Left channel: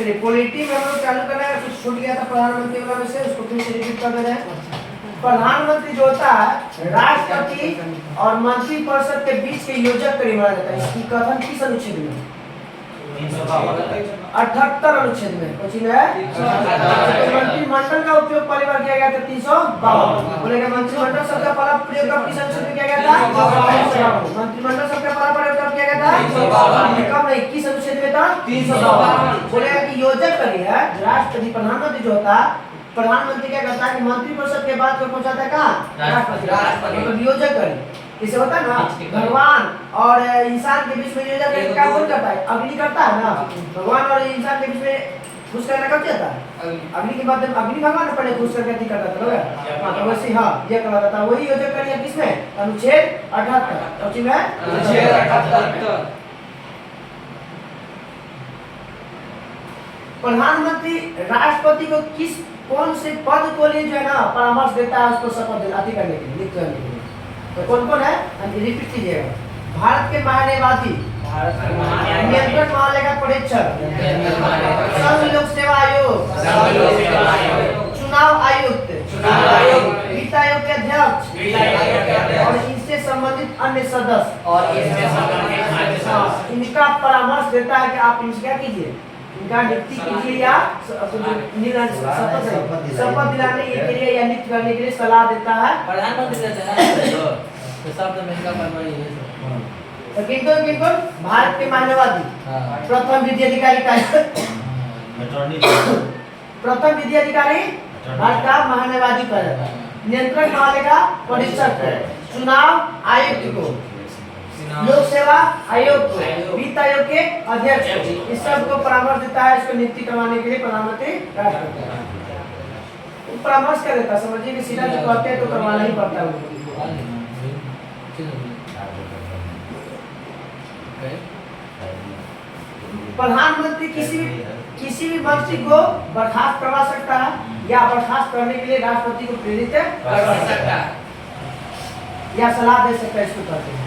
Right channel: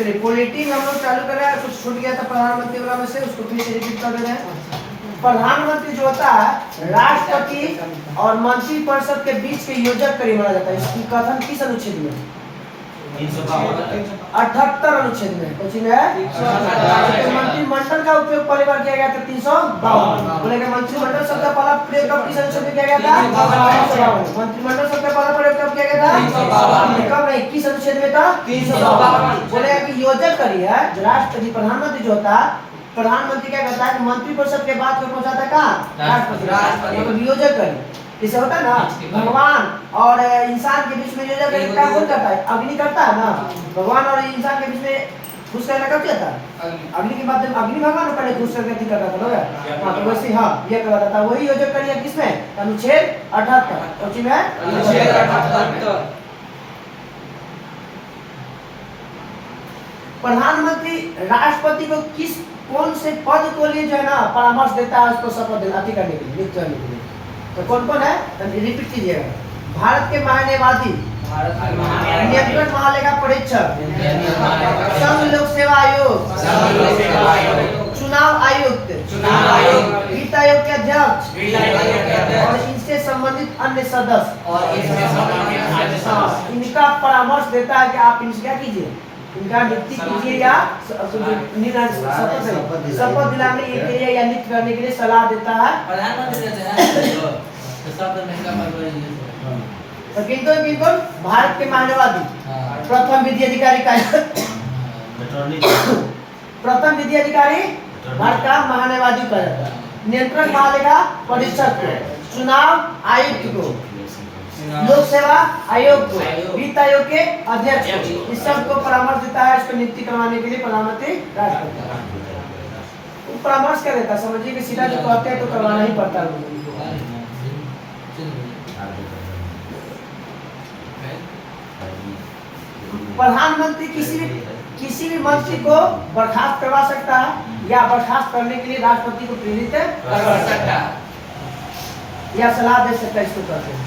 चलिए पॉलिटी में हम लोग चालू कर रहे हैं, कुछ छूट गया था प्रधानमंत्री वाला में से, उसको फिर से रिपीट कर दे रहे हैं। प्रधानमंत्री जो होता है राष्ट्रपति और मंत्रिपरिषद के बीच के योजक करी माना जाता है। इसकी कथन किस अनुच्छेद में? 78 अनुच्छेद में। क्वेश्चन है मंत्रिमंडल का उपयोग पहली बार किया गया था 352। बोलेगा मंत्रिमंडल शब्द का पहला प्रयोग कब किस अनुच्छेद में किया गया था? मंत्रिमंडल शब्द का पहला प्रयोग कब किया गया था? कब नहीं, किस अनुच्छेद में था? 352। बोलेगा कि योजक करी है राष्ट्रपति। प्रधानमंत्री जो होता है, प्रधानमंत्री क्या करता है कि मंत्रिपरिषद के बाद को पहुंचाता है कहाँ? राष्ट्रपति। मतलब योजक करी इसे होता है ना, भगवान और इंसान के बीच में योजक करी काम कौन करता है? अग्नि करता है ना। भगवान और इंसान के बीच में घुस करना कब जाता है? अग्नि के माध्यम, अग्नि भगवान पहले घुस करके ठीक करता था लोग। हाँ तो वैसे हाँ ये करता था, वही योजक करी है किसमें? अनुच्छेद 78। और में अनुच्छेद 78। प्रधानमंत्री राष्ट्रपति को किस कौन से पद को लिए जो है ना परामर्श देता है उसको शपथ दिलाती करने के लिए, नियुक्त करने के लिए? तो कौन कौन है? रिपीट कीजिएगा। भारत के महान्यायवादी, नियंत्रण महालेखा परीक्षक, संघ लोक सेवा आयोग, चुनाव आयुक्त, वित्त आयोग के अध्यक्ष और इनसे संबंधित अन्य सदस्य इनका परामर्श देता है कि आप इनसे क्या कीजिए, इनका नियुक्ति कीजिए या शपथ दिलाने के लिए या नियुक्त करने के लिए सलाह देता है प्रधानमंत्री। तो किंतु भारत के महान्यायवादी, प्रथम विधि अधिकारी का प्रथम विधि अधिकारी भारत का महान्यायवादी कहा जाता है। नियंत्रण महालेखा परीक्षक को, चुनाव आयुक्त को, लोक सेवा आयोग को, वित्त आयोग के अध्यक्ष को, इस सब को परामर्श देता है। इसको नियुक्ति करवाने के लिए प्रधानमंत्री राष्ट्रपति परामर्श कर देता है। समझिए कि सीधा जो कहते हैं तो करवाना ही पड़ता है। प्रधानमंत्री किसी भी मंत्री को बर्खास्त करवा सकता है या बर्खास्त करने के लिए राष्ट्रपति को प्रेरित कर सकता है या सलाह दे सकता है। इसको कहते हैं।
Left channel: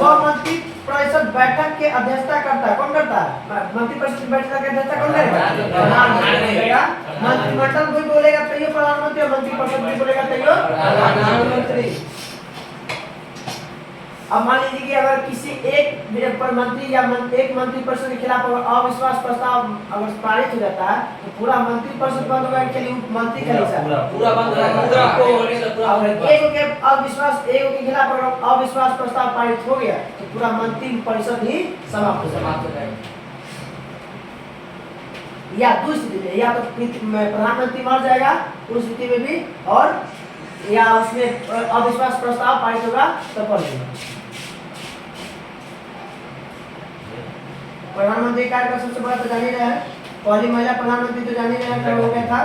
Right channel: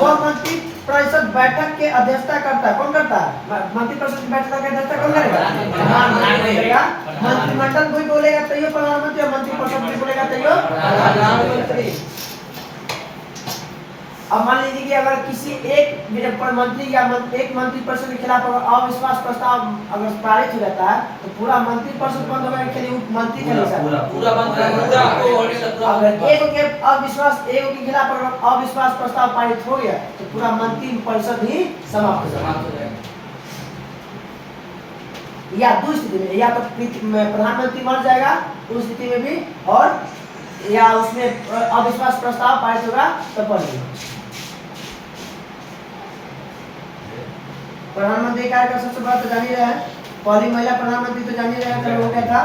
वह मंत्री परिषद बैठक के अध्यक्षता करता है। कौन करता है? मंत्री परिषद की बैठक की अध्यक्षता कौन करेगा? मंत्रिमंडल कोई बोलेगा तो ये प्रधानमंत्री, और मंत्री परिषद भी बोलेगा तो ये प्रधानमंत्री। अब मान लीजिए कि अगर किसी एक मंत्री या एक मंत्री परिषद के खिलाफ अविश्वास प्रस्ताव अगर पारित हो जाता है तो पूरा मंत्री परिषद बंद होगा के लिए मंत्री के पूरा बंद होगा। अगर एक के अविश्वास एक के खिलाफ अगर अविश्वास प्रस्ताव पारित हो गया तो पूरा मंत्री परिषद ही समाप्त हो जाएगा। या दूसरी स्थिति में या तो प्रधानमंत्री मर जाएगा उस स्थिति में भी, और या उसमें अविश्वास प्रस्ताव पारित होगा तो पड़ जाएगा। प्रधानमंत्री कार्य का सबसे बड़ा तो जान ही रहा है, पहली महिला प्रधानमंत्री तो जान ही रहा है, हो गया था।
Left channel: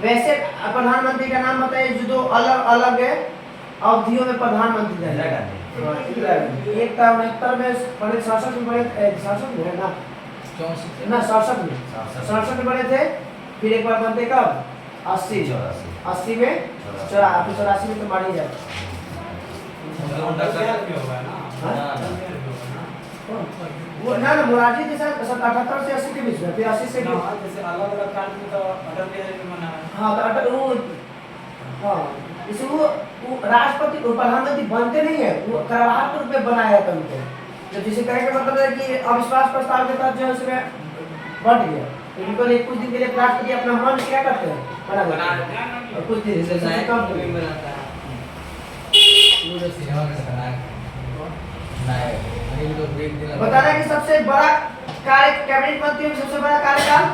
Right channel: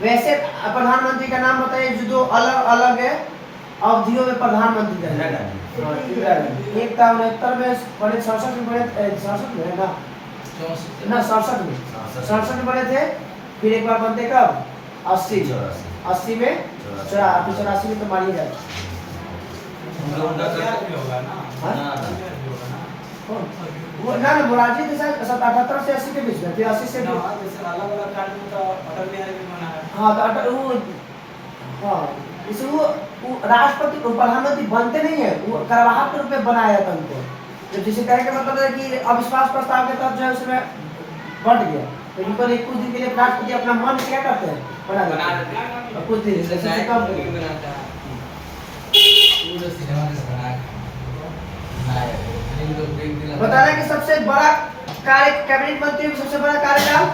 वैसे प्रधानमंत्री का नाम बताइए जो अलग अलग है अवधियों में प्रधानमंत्री रहे। एक था 69 में बड़े, 67 में बड़े, 67 में है ना 67 में बड़े थे। फिर एक बार बनते कब? 80 में, 84 में तो मान ही जाए। वो ना मोरारजी देसाई 78 से 80 के बीच में, फिर 80 से अलग-अलग काल में तो अटल बिहारी भी मना है। हाँ तो अटल वो हाँ इसको राष्ट्रपति को प्रधानमंत्री बनते नहीं है, वो करवाहट के रूप में बनाया था उनको। जब जिसे कहे का मतलब है कि अविश्वास प्रस्ताव के तहत जो उसमें बढ़ गया तो इनको कुछ दिन के लिए राष्ट्रपति अपना मन क्या करते हैं बना देते हैं और कुछ दिन से कम बता रहे कि सबसे बड़ा कार्य कैबिनेट मंत्री सबसे बड़ा कार्यकाल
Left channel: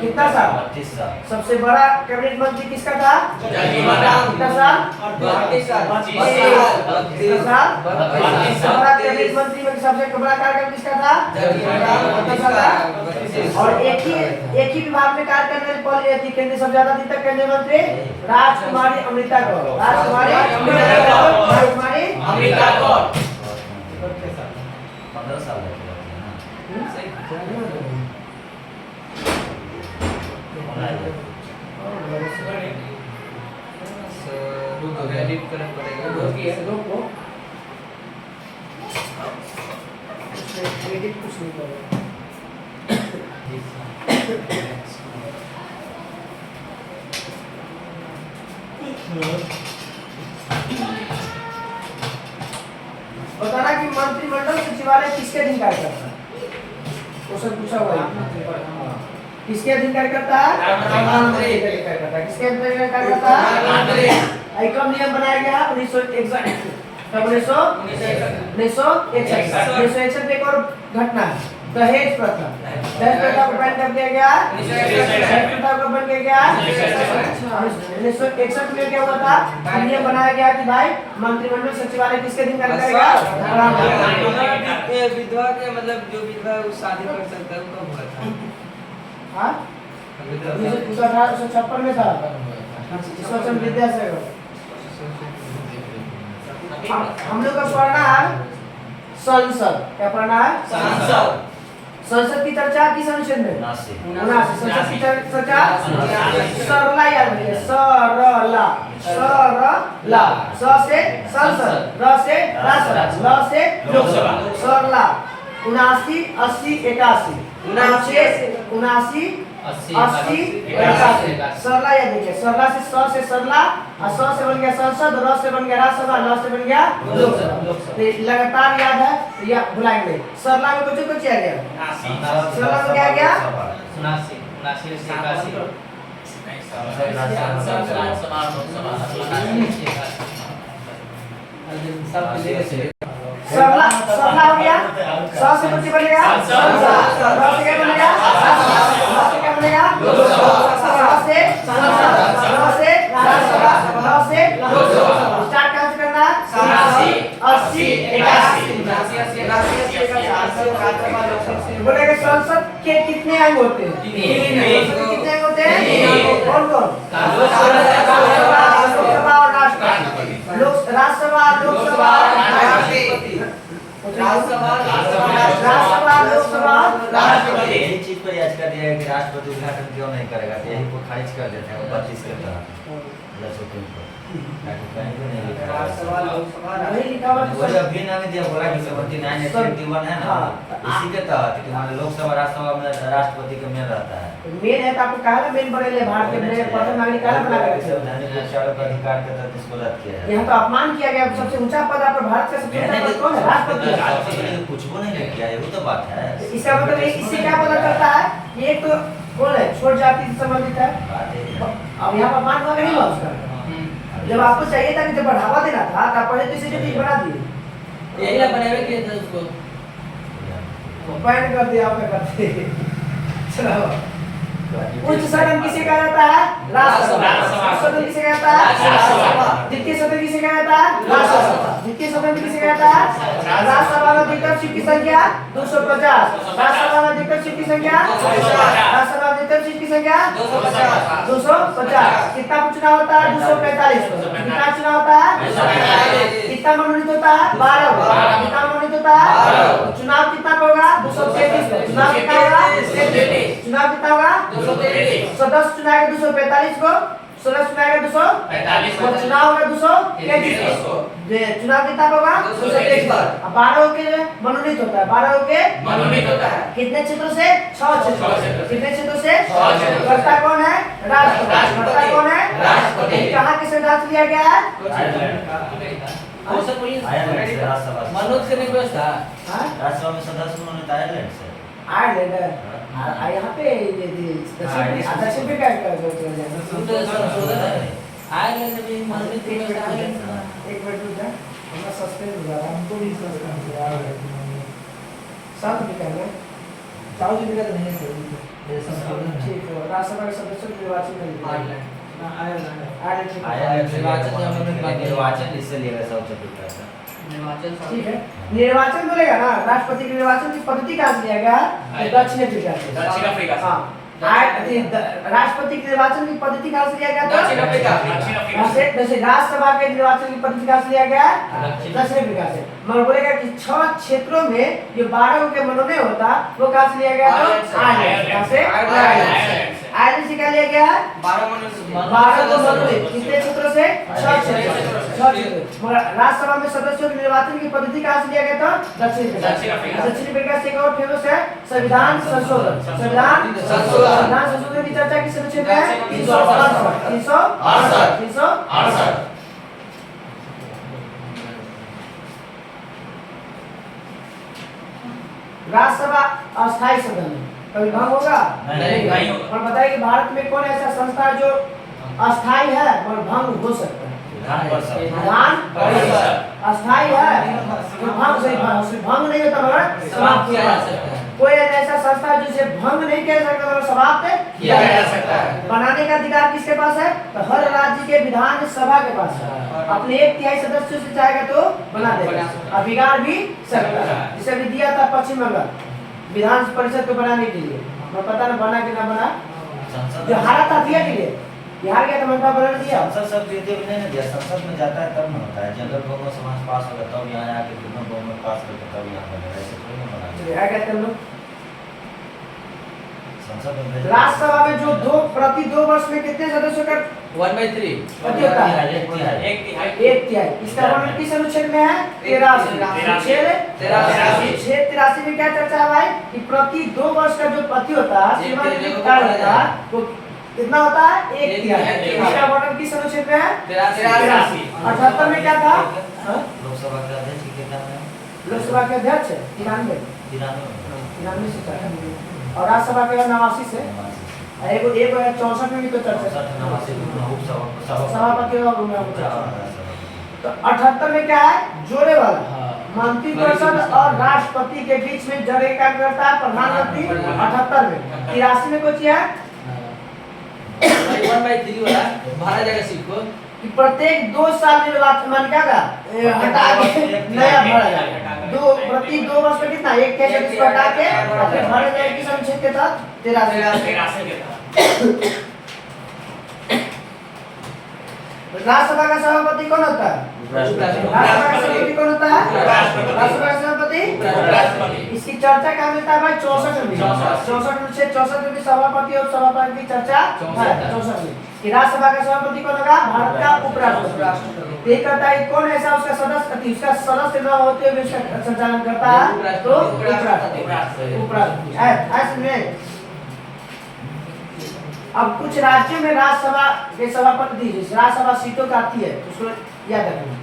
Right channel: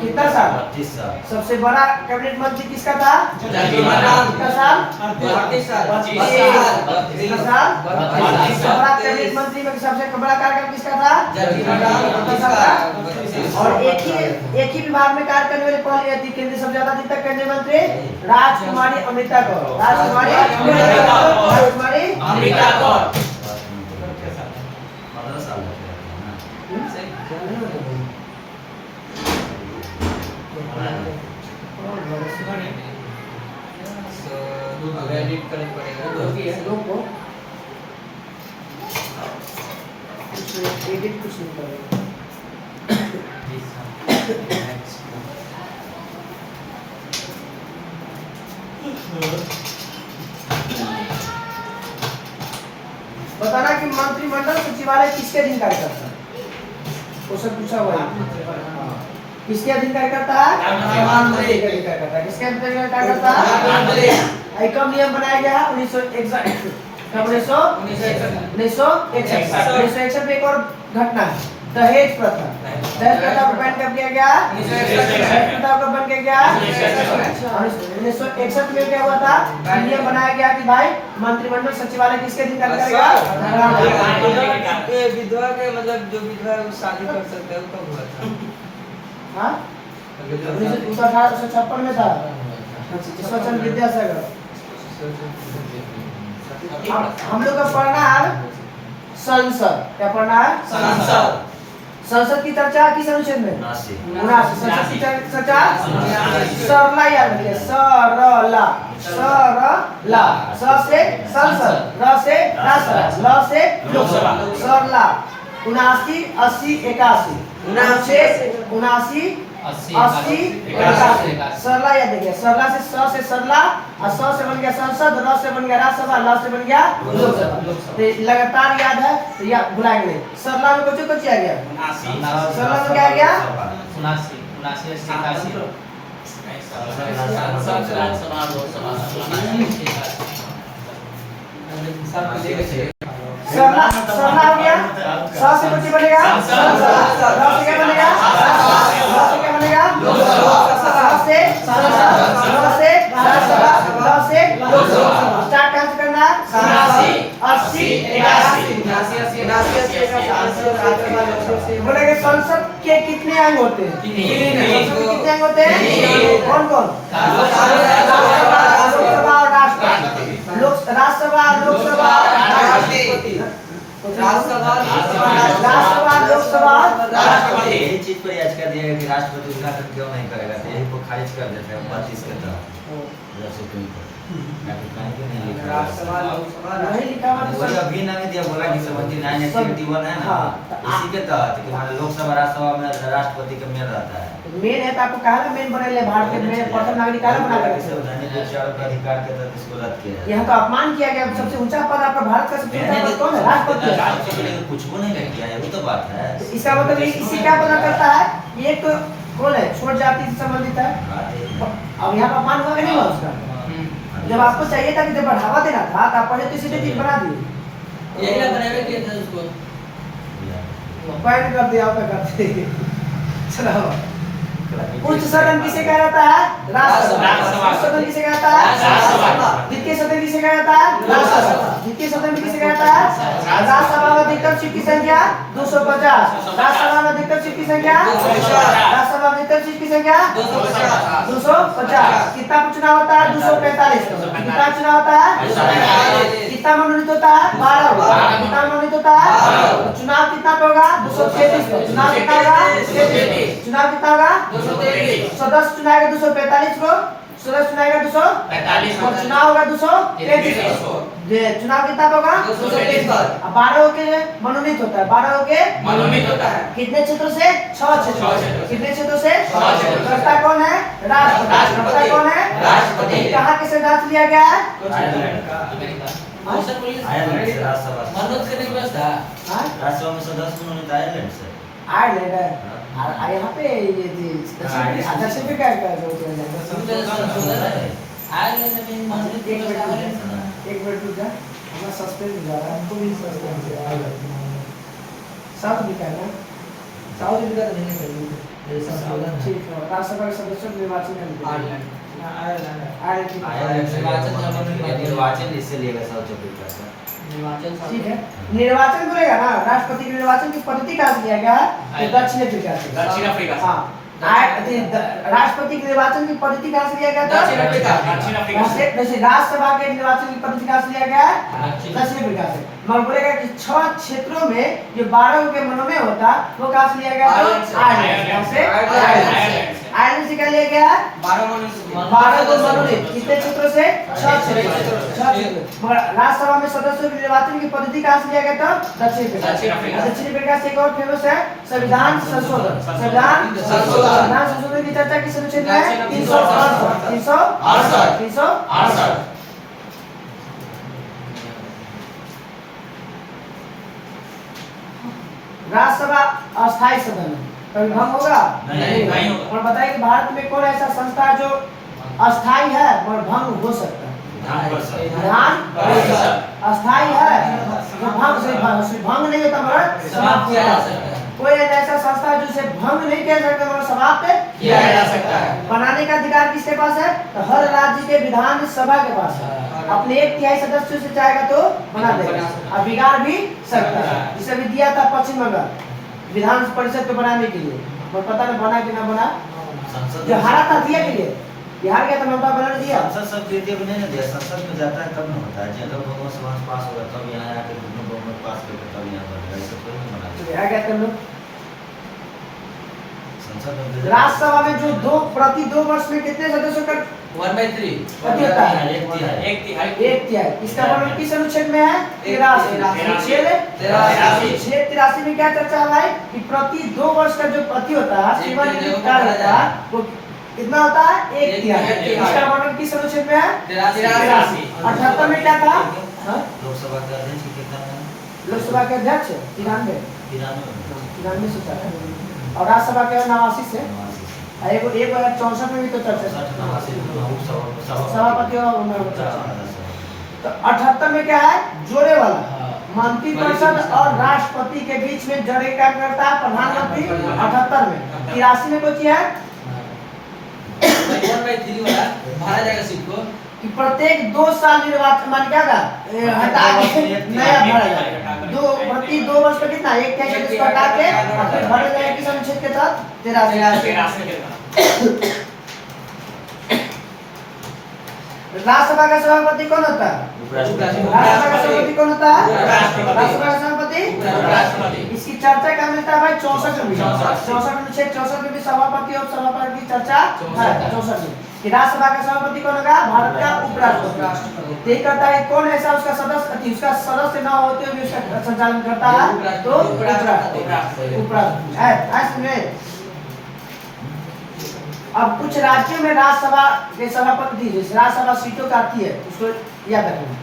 कितना साल? 32 साल। सबसे बड़ा कैबिनेट मंत्री किसका था? कितना साल? 32 साल। बड़ा कैबिनेट मंत्री में सबसे बड़ा कार्यकाल किसका था? और एक ही विभाग में कार्य करने वाली पहली थी केंद्रीय सबसे ज्यादा दिन तक केंद्रीय मंत्री राजकुमारी अमृता गौर। राजकुमारी अमृता गौर। कुछ नहीं कर रहा। बताना कि मंत्रिमंडल सचिवालय किसके अधीन कार्य करता है? क्वेश्चन पूछा हुआ है। किसके अधीन कार्य करता है? प्रधानमंत्री के अधीन कार्य करता है। किसके अधीन कार्य करता है? प्रधानमंत्री। कब नियम बनाया गया? 1961 में एक और घटना है, दहेज प्रथा। दहेज प्रथा को बैन कर दिया गया। दहेज प्रथा को बैन किया गया 1961 में। क्या हुआ था? नियम बनाया गया कि भाई मंत्रिमंडल सचिवालय किसके अधीन कार्य करेगा? विधवा के मतलब जो विधवा शादी कर सकता है उसका बोला था। हाँ 1856 में था ईश्वर विद्यासागर। हम लोग का पढ़ना है संसद। क्या पढ़ना है? संसद। संसद की चर्चा किस अनुच्छेद में? 79। संसद की चर्चा सरला याद रखिए। सरला सरला। स से संसद, र से राष्ट्रसभा, ल से लोकसभा। सरला 79 80 81 79 80 81। सरला याद रखिए। सरला से स से सरला और स से बन गया संसद, र से बन गया राज्यसभा, ल से बन गया लोकसभा। तो लगातार याद है तो या भुलाएंगे नहीं। सरला में कुछ कुछ आ गया। सरला में क्या आ गया? 79 79 से 81 सरला सरला हो गया। स से कुछ बनेगा संसद, र से क्या बनेगा? राज्यसभा, ल से क्या बनेगा? लोकसभा। स से संसद, र से राज्यसभा, ल से लोकसभा। स्टार्ट कहां से करना? 80 81। बोलेंगे संसद के कितने अंग होते हैं? 3। कितने अंग होते हैं? कौन कौन? लोकसभा और राष्ट्रपति। राज्यसभा लोकसभा राष्ट्रपति। राज्यसभा लोकसभा राष्ट्रपति। यही चीज पर याचिका दिया है कि राष्ट्रपति उद्घाटन क्यों नहीं करेगा, तो यही को खारिज कर देता है 32 के तहत सुप्रीम कोर्ट। ताकि कहीं भी नहीं लिखा राज्यसभा लोकसभा नहीं लिखा हुआ। वही अभी ना दिया बोला कि 79 81 है ना, इसी के तहत कि हमारे लोकसभा राज्यसभा में राष्ट्रपति का मेल रहता है। मेन है तो आपको कहा ना मेन बनेले भारत में प्रथम नागरिक कानून बना करके संवैधानिक उपचारों का अधिकार के तहत इसको रद्द किया है। यहाँ तो अपमान किया गया। सबसे ऊंचा पद आपका भारत का सबसे ऊंचा पद कौन है? राष्ट्रपति है। राष्ट्रपति ने कुछ को नहीं किया है, वो तो बात है। इसका मतलब इससे क्या पता चलता है? एक तो कौन है? छोट जाति से संबंधित है। अब यहाँ पर अपमान हुआ नहीं हुआ उसका? जब आपको चाहिए था कि जब बढ़ावा देना था तो आप पहले तो इसे चीज बना दिए। यही बनावे किया था उसको। बैन कर दिया आपका करते। चलो उच्च सदन किसे कहा जाता है? राज्यसभा। उच्च सदन किसे कहता है? राज्यसभा। द्वितीय सदन किसे कहा जाता है? राज्यसभा। द्वितीय सदन किसे कहता है? राज्यसभा में अधिकतम सीट की संख्या 250। राज्यसभा में अधिकतम सीट की संख्या 250। राज्यसभा में अधिकतम सीट की संख्या 250। कितना चुनाव होता है? 245। कितना चुनाव होता है? 245। कितना मनोनीत होता है? 12। कितना मनोनीत होता है? चुनाव कितना होगा? 233। चुनाव कितना होगा? 33। चुनाव कितना होगा? सदस्य चुनाएगा 245 को, सदस्य चुनाएगा 245 और चुनाव होगा 233। चुनाव कितना होगा? 233। 12 के मनोनीत होता है। 12 के मनोनीत होता है। कितने क्षेत्रों से? 6 क्षेत्रों। कितने क्षेत्रों से? 6 क्षेत्रों। करता कौन है? राष्ट्रपति। करता कौन है? राष्ट्रपति। कहाँ के संविधान से लिया गया है? मनोज करने की व्यवस्था राज्यसभा में सदस्य मनोनीत आयरलैंड से। आयरलैंड है। यहाँ पे ये दक्षिण अफ्रीका का जो आयरलैंड में भी मनोनीत की व्यवस्था है। एक मिनट रुक जा, हमारा सस्पेंड हो जा रहा है। हमको भी सस्पेंड हो रहा है। साउथ अफ्रीका में साउथ अफ्रीका तो नहीं है। ठीक है। राज्यसभा के सदस्य निर्वाचन करेंगे। आयरलैंड निर्वाचन इससे लिएगा साउथ अफ्रीका से। ठीक है। निर्वाचन बोलेगा ना, राष्ट्रपति के निर्वाचन की पद्धति कहाँ से लिया गया? दक्षिण अफ्रीका से। दक्षिण अफ्रीका से। हाँ। राष्ट्रपति के निर्वाचन की पद्धति कहाँ से लिया गया? दक्षिण अफ्रीका। दक्षिण अफ्रीका से। जैसे राज्यसभा के निर्वाचन की पद्धति कहाँ से लिया गया? दक्षिण अफ्रीका से। मगर बोलेगा कि 6 क्षेत्रों में ये 12 के मनोनयन होता, वो कहाँ से लिया गया? आयरलैंड से। आयरन का लिया गया है 12 मनुष्य 12 को मनोनीत कितने क्षेत्रों से 6 क्षेत्र मगर राज्यसभा में सदस्यों के निर्वाचन की पद्धति कहां से लिया गया था दक्षिण अफ्रीका से। एक और फेमस है संविधान संशोधन। संविधान संशोधन की चर्चा किस अनुच्छेद में है 368। राज्यसभा अस्थायी सदन है, कभी भंग होगा नहीं होगा। और बताइए कि भारत में कौन ऐसा संस्था है जो अस्थायी है और भंग हो सकता है? विधान परिषद अस्थायी है जो भंग नहीं होता मगर समाप्त किया जा सकता है। कोई ऐसा संस्था है जिसे भंग नहीं किया जा सकता मगर समाप्त किया जा सकता है। बनाने का अधिकार किसके पास है? तो हर राज्य के विधान सभा के पास है। अपने 1/3 सदस्यों से चाहेगा तो बना देगा और बिगाड़ भी सकता है। जिसे भी दिया था पश्चिम बंगाल विधान परिषद को बनाने के लिए, पर पता नहीं बना कि ना बना। जो हारा था दिया के लिए बिहार गया तो ममता बनर्जी दिया। संसद सब देते भी नहीं ना दिया, संसद में जाता है तब न होता है। जब लोगों सभा पास होगा तब यहाँ आके दोनों में पास करके तब यहाँ पर ऐसे थोड़ी ना बना। क्या कहते हैं लोग संसद में राज्यसभा में जो प्रति 2 वर्ष में कितने सदस्यों का 1/3 पद होता है? एक तिहाई 1/3। इसका वर्णन किस अनुच्छेद में है? 83। अनुच्छेद 83 में क्या चर्चा है भाई कि प्रति 2 वर्ष का जो पति होता है सेवानिवृत्त काल होता है वो कितना होता है? 1/3। इसका वर्णन किस अनुच्छेद में है? 83। 78 में क्या था? लोकसभा का अध्यक्ष कितना है? लोकसभा के अध्यक्ष 93 93 से था और राज्यसभा के 89 से एक 64 में भी तो चर्चा सभापति तो 78 में क्या है? जोड़े वाला मंत्रिपरिषद और राष्ट्रपति के बीच में जड़े काम करता है प्रधानमंत्री। 78 में 83 में कुछ है 1/3 वाला भरा जाएगा सीट को कि प्रत्येक 2 साल निर्वाचन मान क्या था हटा के नया भरा जाएगा। प्रति 2 वर्ष में कितना 1/3 इसको हटा के फिर भरे जाएगा किस अनुच्छेद के तहत 83। राज्यसभा का सभापति कौन होता है? राज्यसभा का सभापति कौन होता है? राज्यसभा का सभापति। इसकी चर्चा कहाँ मिलता है भाई? 64 में। 64 अनुच्छेद 64 में भी सभापति और सभापति की चर्चा है 64 में कि राज्यसभा का सभापति कौन होगा? भारत का उपराष्ट्रपति। तय करता है कौन ऐसा उसका सदस्य न होते हुए उसका संचालन करता है तो उपराष्ट्रपति। ऐसे में अब कुछ राज्यों में राज्यसभा के सभापति दीजिए राज्यसभा सीटों का आती है उसको याद रखना।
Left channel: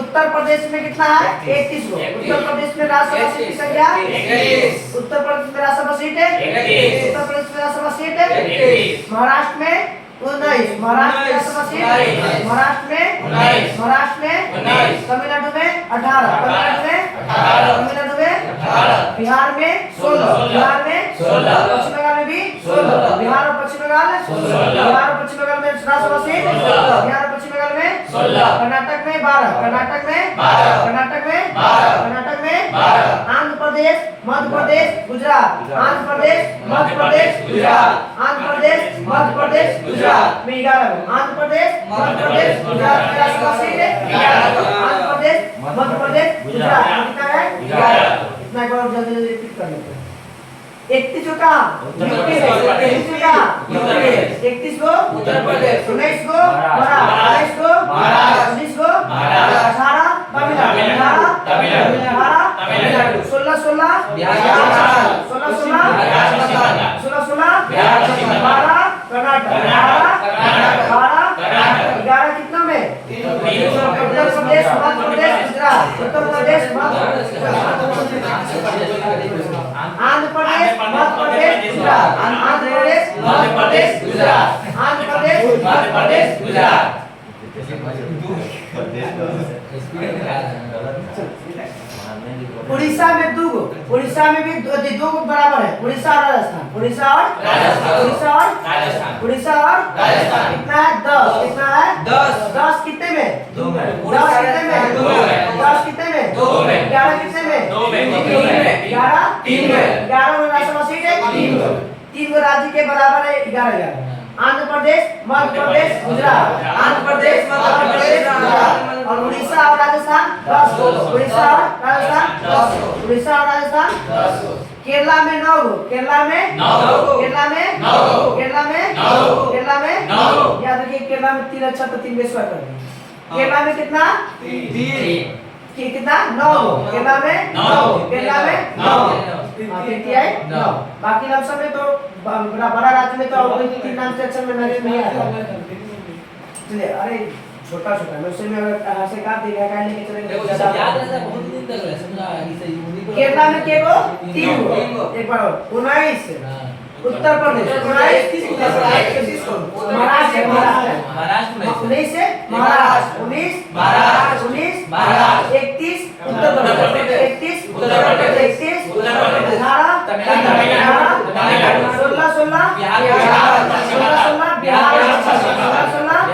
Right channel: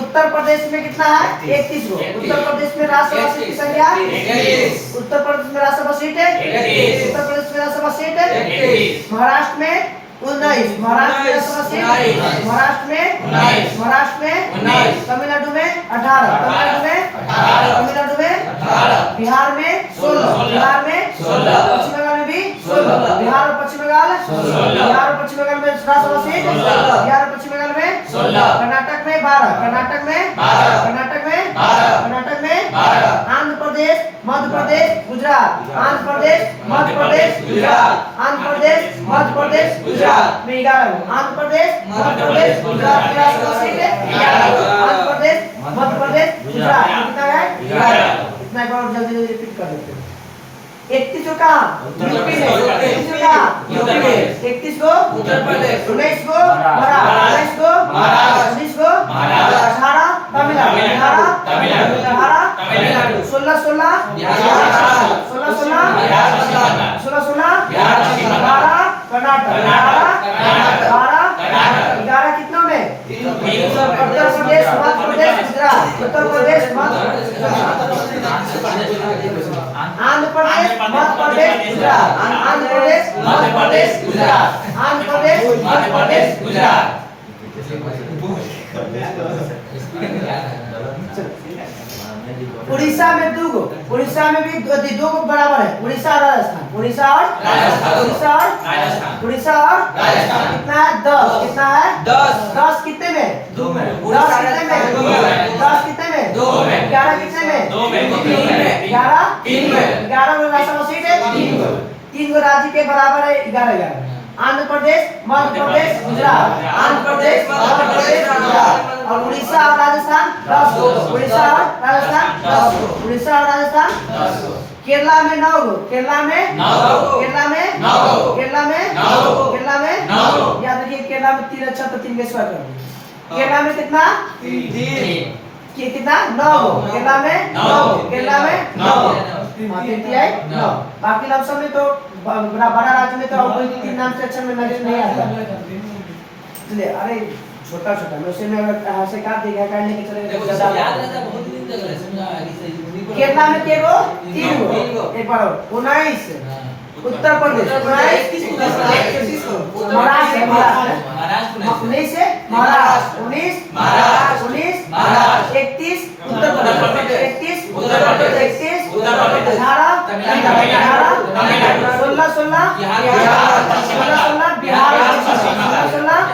उत्तर प्रदेश में कितना है? 31 गो। उत्तर प्रदेश में राज्यसभा सीट की संख्या 31। उत्तर प्रदेश में राज्यसभा सीट है 31। उत्तर प्रदेश में राज्यसभा सीट है 31। महाराष्ट्र में 19। महाराष्ट्र में राज्यसभा सीट महाराष्ट्र में 19। महाराष्ट्र में 19। तमिलनाडु में 18। तमिलनाडु में 18। बिहार में 16। बिहार में 16। पश्चिम बंगाल में भी 16। बिहार और पश्चिम बंगाल 16। बिहार और पश्चिम बंगाल में राज्यसभा सीट 16। बिहार और पश्चिम बंगाल में 16। कर्नाटक में 12। कर्नाटक में 12। कर्नाटक में 12। कर्नाटक में 12। आंध्र प्रदेश मध्य प्रदेश गुजरात। आंध्र प्रदेश मध्य प्रदेश गुजरात। आंध्र प्रदेश मध्य प्रदेश गुजरात में 11। आंध्र प्रदेश मध्य प्रदेश गुजरात में राज्यसभा सीट है 11। आंध्र प्रदेश मध्य प्रदेश गुजरात कितना है? 11। इतना एक बार जल्दी रिपीट कर लेते हैं। 31 को कहाँ? यूपी में। 31 को कहाँ? यूपी में। 31 को उत्तर प्रदेश। 19 को महाराष्ट्र। 22 को महाराष्ट्र। 19 को महाराष्ट्र। 18 तमिलनाडु। 18 तमिलनाडु। 16 बिहार। 16 बिहार। 16 बिहार। 12 कर्नाटक। 11 कितना में? उत्तर प्रदेश मध्य प्रदेश गुजरात। उत्तर प्रदेश मध्य आंध्र प्रदेश मध्य प्रदेश गुजरात। आंध्र प्रदेश मध्य प्रदेश गुजरात। आंध्र प्रदेश मध्य प्रदेश गुजरात। उड़ीसा में 2 गो। उड़ीसा में भी 2 गो बराबर है। उड़ीसा और राजस्थान। उड़ीसा और राजस्थान। उड़ीसा और राजस्थान कितना है? 10। कितना है? 10 कितने में? 2 में। 10 कितने में? 2 में। 10 कितने में? 2 में। 11 कितने में? 2 में। 3 में। 11 3 में। 11 गो राज्यसभा सीट है 3 गो। 3 गो राज्य के बराबर है 11। आंध्र प्रदेश मध्य प्रदेश गुजरात। आंध्र प्रदेश मध्य प्रदेश गुजरात और उड़ीसा और राजस्थान 10 गो। उड़ीसा और राजस्थान 10 गो। उड़ीसा और राजस्थान 10 गो। केरला में 9 गो, केरला में 9 गो, केरला में 9 गो, केरला में 9 गो, केरला में 9 गो। याद रखिए केरला में 3 अच्छा तो 3 बेसवा कर दिए। केरला में कितना कितना 9 गो, केरला में 9 गो, केरला में 9 9 बाकी लमसम में तो बड़ा बड़ा राज्य में तो और कोई 3 नाम से अच्छा में नजर नहीं आता। चलिए अरे छोटा छोटा मैं उसे में अगर से काट दिया काट लेके देखो चले सब याद रहता बहुत दिन तक रहे समझा कि सही उन्हीं को केरला में के गो 3 गो एक बार और 19 उत्तर प्रदेश 19 महाराष्ट्र महाराष्ट्र 19 से महाराष्ट्र 19 महाराष्ट्र 19 महाराष्ट्र 31 उत्तर प्रदेश 31 उत्तर प्रदेश 31 उत्तर प्रदेश 18 तमिलनाडु 16 16 बिहार 16 बिहार 16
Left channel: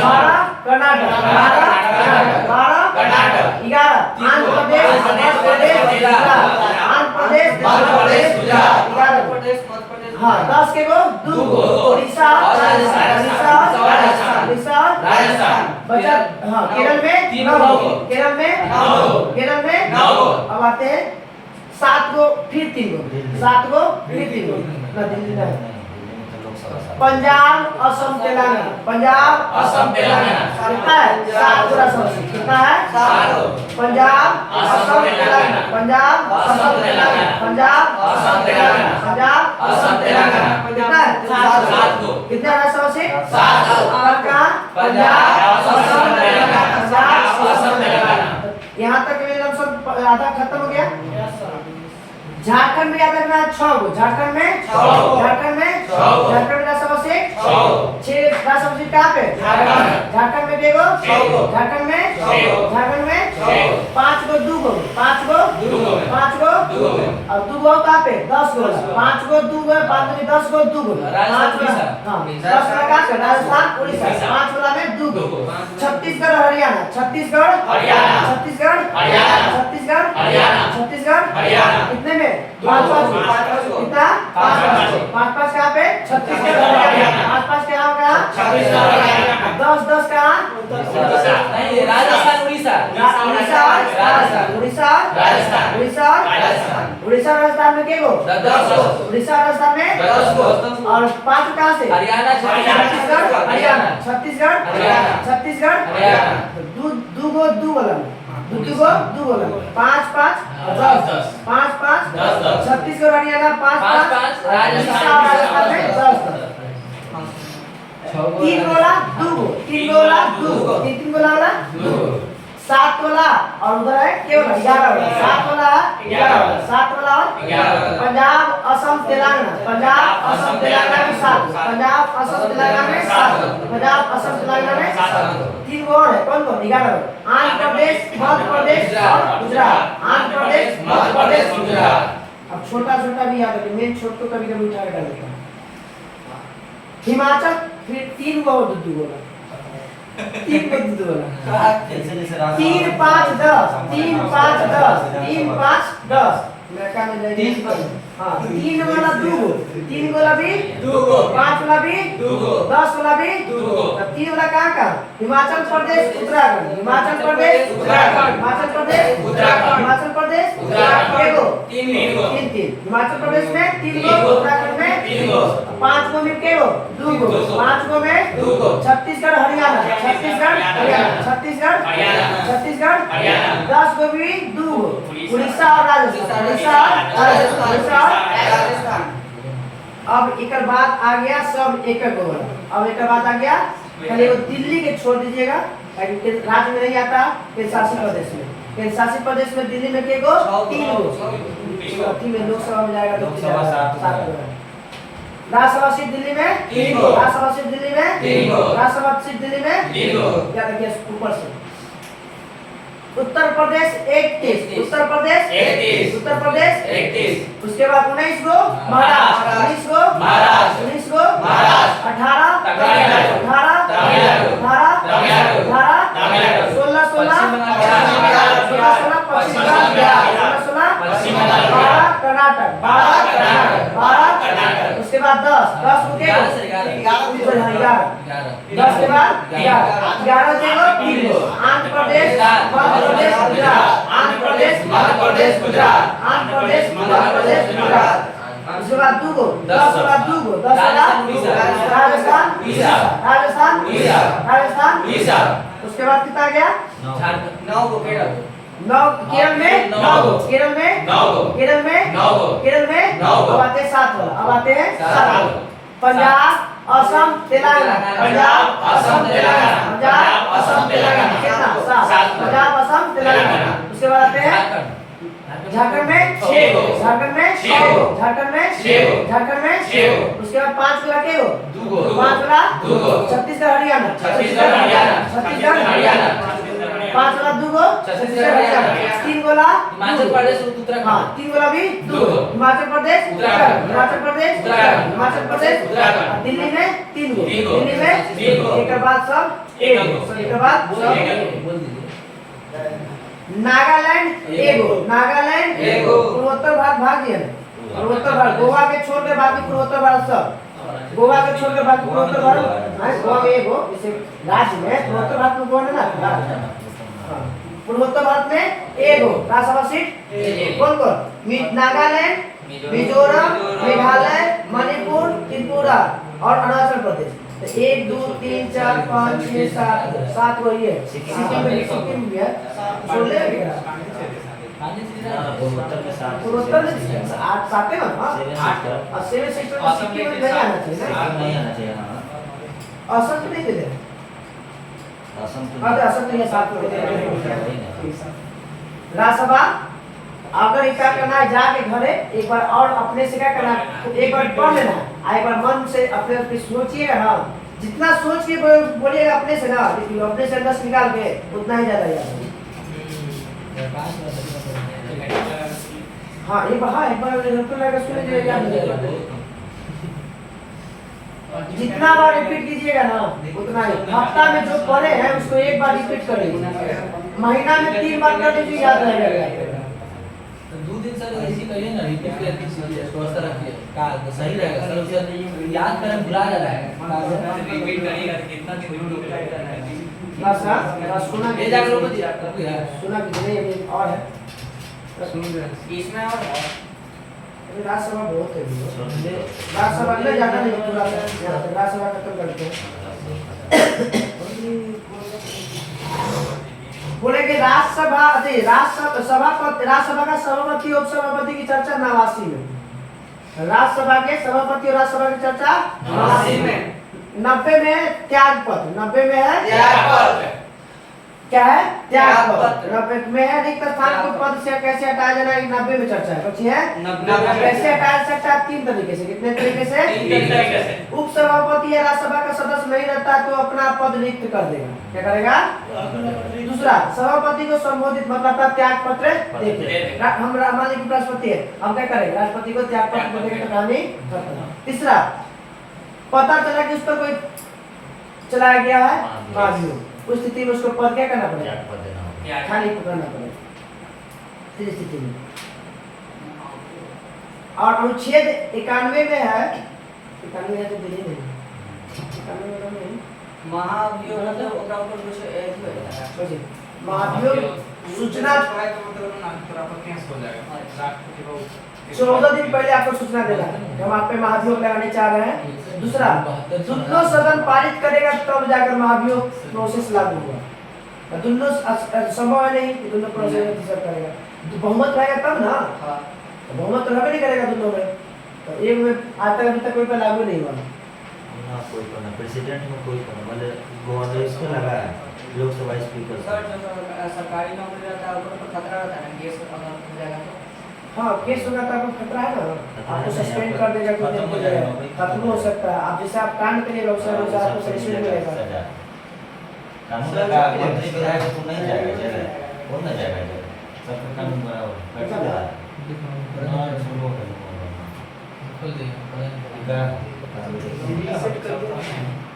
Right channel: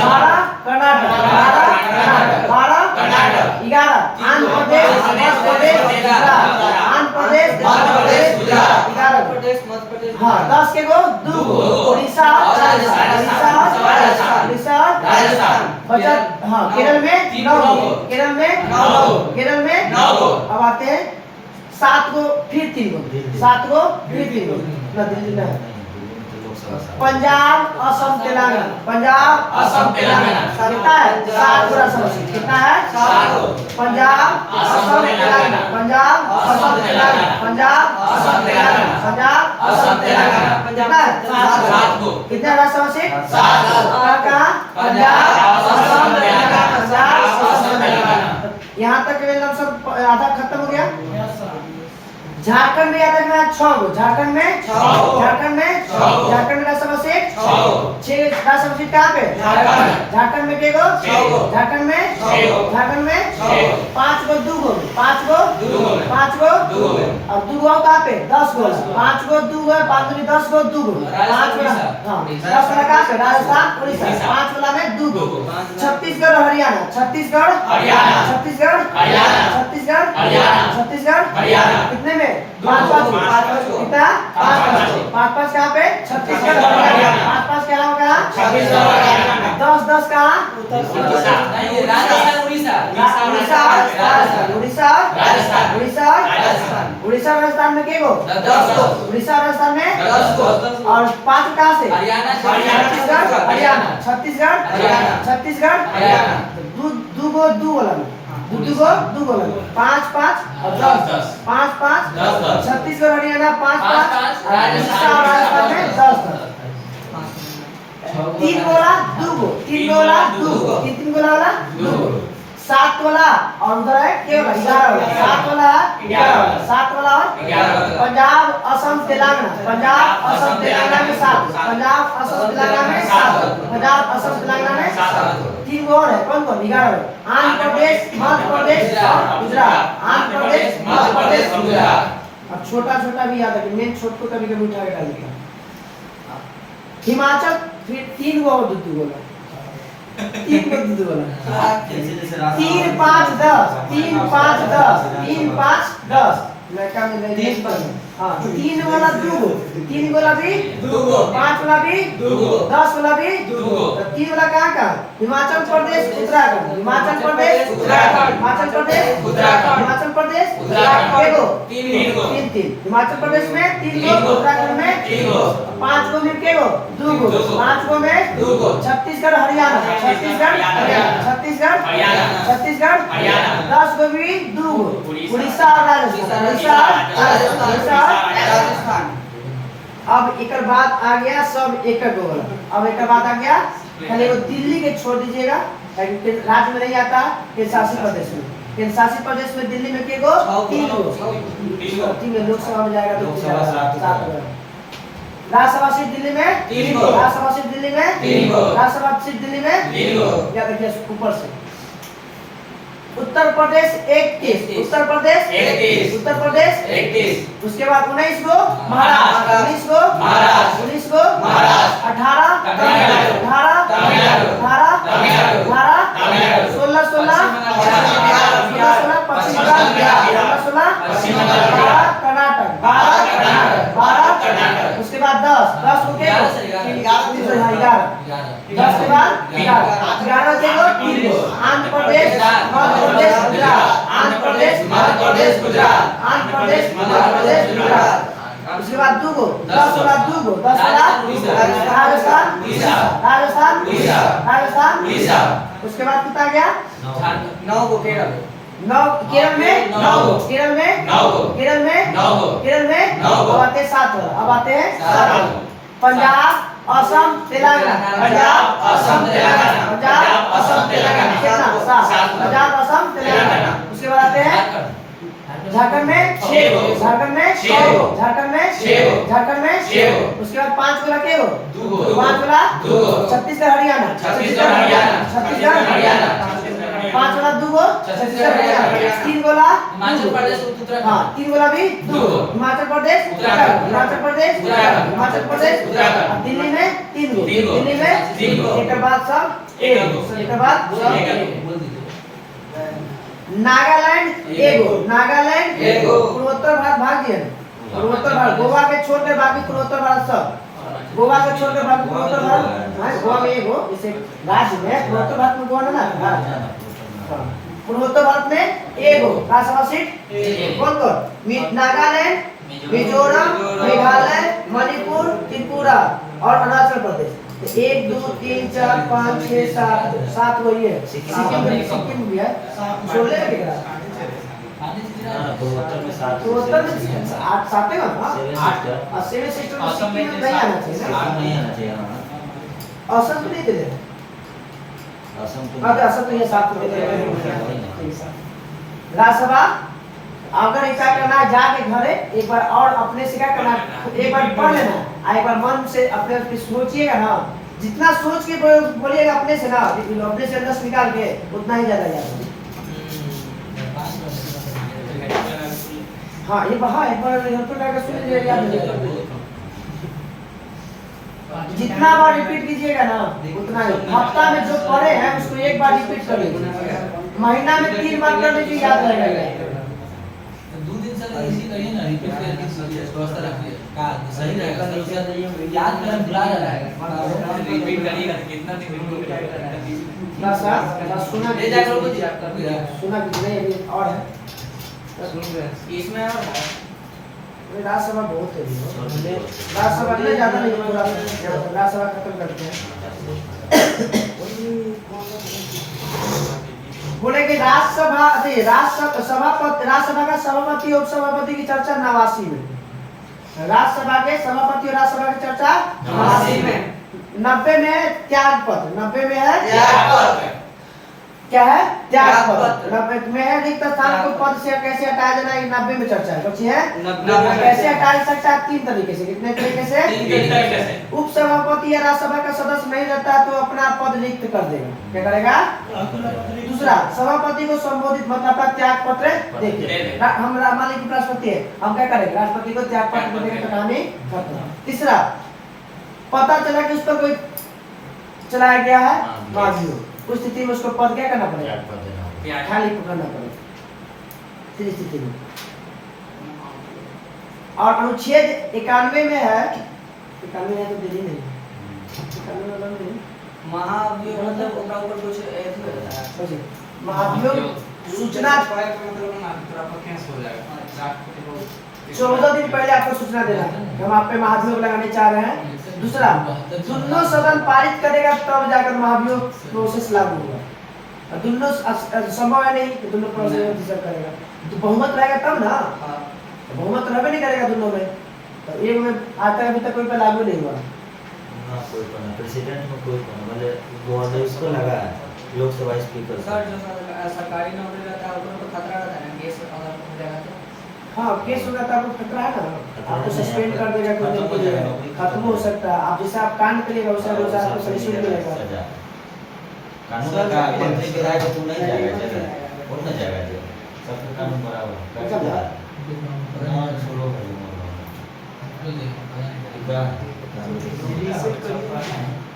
12 कर्नाटक 12 कर्नाटक 11 आंध्र प्रदेश मध्य प्रदेश गुजरात आंध्र प्रदेश मध्य प्रदेश गुजरात 11 प्रदेश मध्य प्रदेश हाँ 10 के गो 2 गो उड़ीसा राजस्थान बचा हाँ केरल में 3 9 गो गो केरल में 9 गो केरल में 9 गो अब आते हैं 7 गो फिर 3 गो 7 गो फिर 3 गो ना दिल्ली ना पंजाब असम तेलंगाना पंजाब असम तेलंगाना कितना है 7 पूरा समझ कितना है 7 पंजाब असम तेलंगाना पंजाब असम तेलंगाना पंजाब असम तेलंगाना पंजाब असम तेलंगाना कितना है 7 गो कितने राष्ट्र से 7 गो कहाँ पंजाब असम तेलंगाना पंजाब असम तेलंगाना यहाँ तक के लिए सब आधा खत्म हो गया। झारखंड में याद रखना 6 गो झारखंड में 6 गो झारखंड में 6 गो झारखंड का सबसे 6 गो 6 का सबसे कहाँ पे झारखंड झारखंड में के गो 6 गो झारखंड में 6 गो झारखंड में 6 गो 5 गो 2 गो 5 गो 2 गो 5 गो 2 गो और 2 गो कहाँ पे 10 गो 5 गो 2 गो 5 दूनी 10 गो 2 गो 5 राजस्थान, हाँ उड़ीसा। 10 वाला कहाँ से राजस्थान उड़ीसा उड़ीसा। 5 वाला में 2 गो 2 गो छत्तीसगढ़ हरियाणा छत्तीसगढ़ हरियाणा छत्तीसगढ़ हरियाणा छत्तीसगढ़ हरियाणा छत्तीसगढ़ हरियाणा कितने में 5 5 5 कितना 5 5 कहाँ पे छत्तीसगढ़ हरियाणा 5 कहाँ कहाँ छत्तीसगढ़ हरियाणा 10 10 कहाँ नहीं राजस्थान उड़ीसा उड़ीसा उड़ीसा राजस्थान उड़ीसा राजस्थान उड़ीसा राजस्थान में के गो 10 गो उड़ीसा राजस्थान में 10 गो और 5 कहाँ से हरियाणा छत्तीसगढ़ हरियाणा छत्तीसगढ़ हरियाणा छत्तीसगढ़ हरियाणा दो गो 2 वाला दू वाला 5 5 और 10 5 5 10 छत्तीसगढ़ हरियाणा 5 5 5 राजस्थान में 10 तीन गोला 2 गो 3 गोला 2 गो 3 गोला वाला 2 गो 7 वाला और उधर है क्या वाला 11 वाला 7 वाला 11 वाला 7 वाला और 11 पंजाब असम तेलंगाना पंजाब असम तेलंगाना में 7 पंजाब असम तेलंगाना में 7 पंजाब असम तेलंगाना में 7 तीन गो और है कौन कौन 11 आंध्र प्रदेश मध्य प्रदेश और गुजरात आंध्र प्रदेश मध्य प्रदेश गुजरात। अब छोटा छोटा भी याद रखिए मेन छोट को कभी कभी उठा के डाल देता हूं। हिमाचल फिर 3 गो और 2 गो 3 गो 2 गो 3 5 10 3 5 10 3 5 10 मैं क्या में ले हां 3 वाला 2 गो 3 वाला भी 2 गो 5 वाला भी 2 गो 10 वाला भी 2 गो तो 3 वाला कहाँ का हिमाचल प्रदेश उत्तराखंड हिमाचल प्रदेश उत्तराखंड हिमाचल प्रदेश उत्तराखंड हिमाचल प्रदेश उत्तराखंड के गो 3 गो 3 हिमाचल प्रदेश में 3 गो 3 गो उत्तराखंड में 3 गो 5 गो में के गो 2 गो 5 गो में 2 गो छत्तीसगढ़ हरियाणा छत्तीसगढ़ हरियाणा छत्तीसगढ़ हरियाणा छत्तीसगढ़ हरियाणा 10 गो भी 2 गो उड़ीसा और राजस्थान उड़ीसा राजस्थान अब एक बात आ गया सब एक गो वाला अब एक बात आ गया पहले वो दिल्ली के छोड़ दीजिएगा राज्य में नहीं आता केंद्र शासित प्रदेश में केंद्र शासित प्रदेश में दिल्ली में के गो 3 गो 3 गो लोकसभा में जाएगा लोकसभा 7 गो राज्यसभा सीट दिल्ली में 3 गो राज्यसभा सीट दिल्ली में 3 गो राज्यसभा सीट दिल्ली में 3 गो क्या देखिए ऊपर से उत्तर प्रदेश 31 उत्तर प्रदेश 31 उत्तर प्रदेश 31 उसके बाद 19 गो महाराष्ट्र 19 गो महाराष्ट्र 19 गो महाराष्ट्र 18 तमिलनाडु 18 तमिलनाडु 18 तमिलनाडु 18 तमिलनाडु 16 16 पश्चिम बंगाल 16 पश्चिम बंगाल 12 कर्नाटक 12 कर्नाटक 12 कर्नाटक उसके बाद 10 10 को के 11 से 11 10 के बाद 11 के बाद 3 गो आंध्र प्रदेश मध्य प्रदेश गुजरात आंध्र प्रदेश मध्य प्रदेश गुजरात आंध्र प्रदेश मध्य प्रदेश गुजरात उसके बाद 2 गो 10 के बाद 2 गो 10 के बाद राजस्थान राजस्थान राजस्थान उसके बाद कितना गया 9 को केरल 9 केरल में 9 गो केरल में 9 गो केरल में 9 गो केरल में 9 गो अब आते हैं 7 वाला अब आते हैं 7 पंजाब असम तेलंगाना पंजाब असम तेलंगाना पंजाब असम तेलंगाना कितना 7 पंजाब असम तेलंगाना उसके बाद आते हैं झारखंड में 6 गो झारखंड में 6 गो झारखंड में 6 गो झारखंड में 6 गो उसके बाद 5 वाला के गो 2 गो 5 वाला 2 गो छत्तीसगढ़ हरियाणा 5 वाला 2 गो छत्तीसगढ़ हरियाणा 3 वाला हिमाचल प्रदेश उत्तराखंड हां 3 वाला भी 2 गो हिमाचल प्रदेश उत्तराखंड हिमाचल प्रदेश उत्तराखंड हिमाचल प्रदेश उत्तराखंड दिल्ली में 3 गो दिल्ली में 3 गो एक के बाद सब एक के बाद सब बोल दीजिए नागालैंड एगो नागालैंड एगो पूर्वोत्तर भारत भाग पूर्वोत्तर भारत गोवा के छोड़ के बाकी पूर्वोत्तर भारत सब गोवा के छोड़ के बाकी पूर्वोत्तर भारत हां गोवा में एगो जैसे राज्य में पूर्वोत्तर भारत में गोवा ना पूर्वोत्तर भारत में एगो राज्यसभा सीट कौन कौन नागालैंड मिजोरम मेघालय मणिपुर त्रिपुरा और अरुणाचल प्रदेश 1 2 3 4 5 6 7 वही है सिक्किम भी है 16 है उत्तर में 7 उत्तर में 8 7 है ना 7 सेक्टर में सिक्किम में नहीं आना चाहिए ना नहीं आना चाहिए असम तो नहीं दे रहे असम असम तो ये 7 में दे रहे राज्यसभा अगर एक बार करना है जाके घरे एक बार और अपने से क्या करना एक बार पढ़ लेना एक बार मन से अपने सोचिएगा ना जितना सोच के बोलिएगा अपने से ना लेकिन अपने से 10 निकाल के उतना ही ज्यादा याद है हाँ एक बार लगा सुन लीजिए याद हो जाएगा जितना बार रिपीट कीजिएगा ना उतना ही हफ्ता में जो पढ़े हैं उसको एक बार रिपीट कर लीजिए महीना में 3 बार कर लीजिए याद रहेगा 2 दिन से ऐसी करिए ना रिपीट करके स्वस्थ रखिए का सही रहेगा तो याद में भुला रहा है रिपीट करिएगा तो कितना दिन ना सर सुना ले जा करो जी आप कर यार सुना कि नहीं अभी और है इसमें और ये राज्यसभा बहुत है राज्यसभा में ज्यादा नहीं पूरा राज्यसभा खत्म करते हैं बोले कि राज्यसभा राज्यसभा का सभापति और उपसभापति की चर्चा 89 में राज्यसभा के सभापति और राज्यसभा की चर्चा 89 में 90 में त्याग पत्र 90 में है त्याग पत्र क्या है त्याग पत्र 90 में है रिक्त स्थान को पद से कैसे हटाया जाना ये 90 में चर्चा है बच्ची है 90 कैसे हटाया सकता है 3 तरीके से कितने तरीके से उपसभापति या राज्यसभा का सदस्य नहीं रहता तो अपना पद रिक्त कर देगा क्या करेगा दूसरा सभापति को संबोधित मतलब अपना त्याग पत्र देखे हम मान लीजिए राष्ट्रपति है हम क्या करेंगे राष्ट्रपति को त्याग पत्र देने का कहानी खत्म तीसरा पता चला कि उस पर कोई चलाया गया है माध्यम उस स्थिति में उसको पद क्या करना पड़ेगा खाली पकड़ना पड़ेगा इस स्थिति में और अनुच्छेद 91 में है 91 है तो दिल्ली नहीं 91 वाला नहीं महाभियोग मतलब ओकरा ऊपर कुछ ऐसे रहता है सोचिए महाभियोग सूचना मतलब ना पूरा पर केस हो जाएगा राष्ट्रपति को 14 दिन पहले आपको सूचना देना है हम आप पे महाभियोग लगाने चाह रहे हैं दूसरा दोनों सदन पारित करेगा तब जाकर महाभियोग प्रोसेस लागू होगा और दोनों संभव है नहीं कि दोनों प्रोसेस डिसर्व करेगा तो बहुमत रहेगा तब ना बहुमत तो रहबे नहीं करेगा दोनों में तो एक में आज तक अभी तक कोई पे लागू नहीं हुआ ना कोई कोना प्रेसिडेंट में कोई कोना मतलब गवर्नर इसको लगा है लोकसभा स्पीकर सर जो सरकारी नौकरी रहता है उनको खतरा रहता है केस अगर हो जाएगा तो हाँ केस होगा तो आपको खतरा है ना आपको सस्पेंड कर देगा कुछ दिन के लिए खत्म हो सकता है आप जैसे आप कांड करिएगा उससे अनुसार आपको सस्पेंड मिलेगा कानून का मंत्री विधायक तू नहीं जाएगा कौन नहीं जाएगा सबका कानून बराबर है हां छोड़ो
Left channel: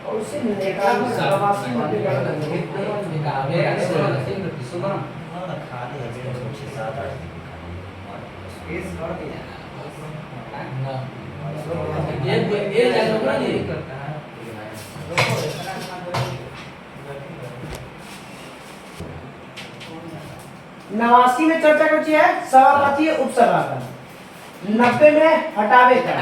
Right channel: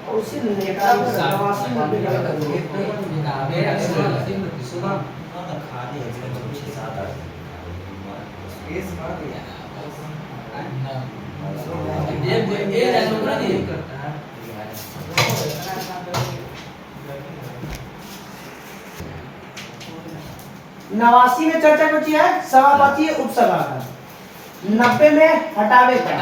और उससे मिलने का प्रवासी में भी कर सुबह ना खाली है 6-7-8 केस भर दिया ये जानवर नहीं करता है 89 में चर्चा कुछ है सभापति उपसभा का, 90 में हटावे का,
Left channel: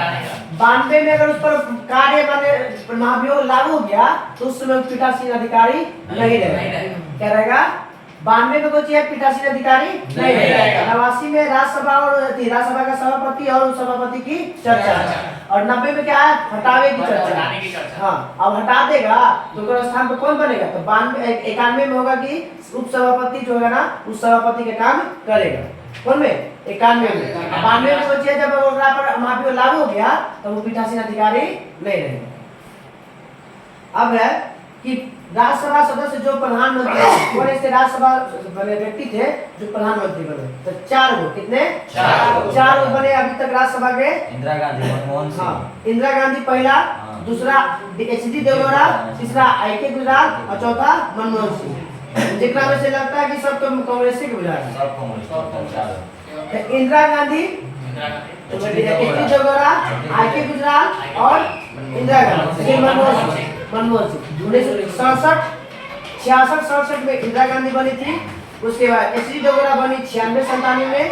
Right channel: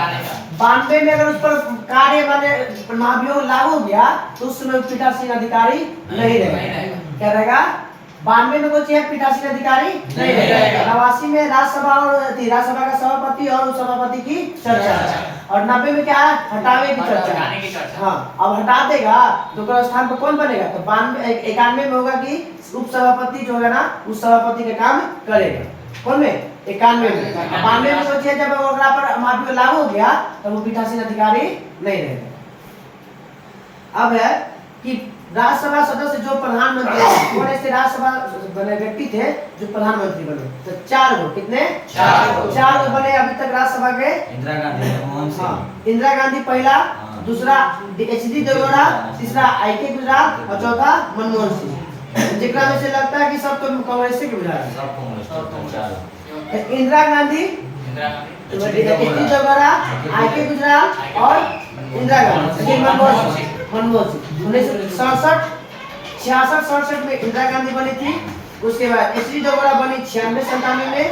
92 में अगर उस पर कार्य माने महाभियोग लागू हो गया तो उस समय पीठासीन अधिकारी नहीं रहेगा। क्या रहेगा? 92 में कुछ है पीठासीन अधिकारी नहीं रहेगा। 89 में राज्यसभा और राज्यसभा का सभापति और उपसभापति की चर्चा, और 90 में क्या है? हटावे की चर्चा। हाँ, अब हटा देगा तो उसके स्थान पर कौन बनेगा? तो 91 में होगा कि उपसभापति जो होगा ना उस सभापति के काम करेगा। कौन में? 91 में। 92 में सोचिए जब ओकरा पर महाभियोग लागू हो गया तो वो पीठासीन अधिकारी नहीं रहेगा। अब है कि राज्यसभा सदस्य जो प्रधानमंत्री कौन ऐसे राज्यसभा बने व्यक्ति थे जो प्रधानमंत्री बने? तो 4 गो। कितने? 4 गो बने अभी तक राज्यसभा के। इंदिरा गांधी, मनमोहन सिंह। इंदिरा गांधी पहला, दूसरा एच.डी. देवगौड़ा, तीसरा आई.के. गुजराल और चौथा मनमोहन सिंह। जितना में से लगता है कि सब तो कांग्रेस के गुजराल है। सब communist. Indira Gandhi, HD. Deve Gowda, IK. Gujral और इंदिरा गांधी, मनमोहन सिंह। 1967, 66 में इंदिरा गांधी बनी थी। उसके बाद एच.डी. देवगौड़ा बनी 96-97 में,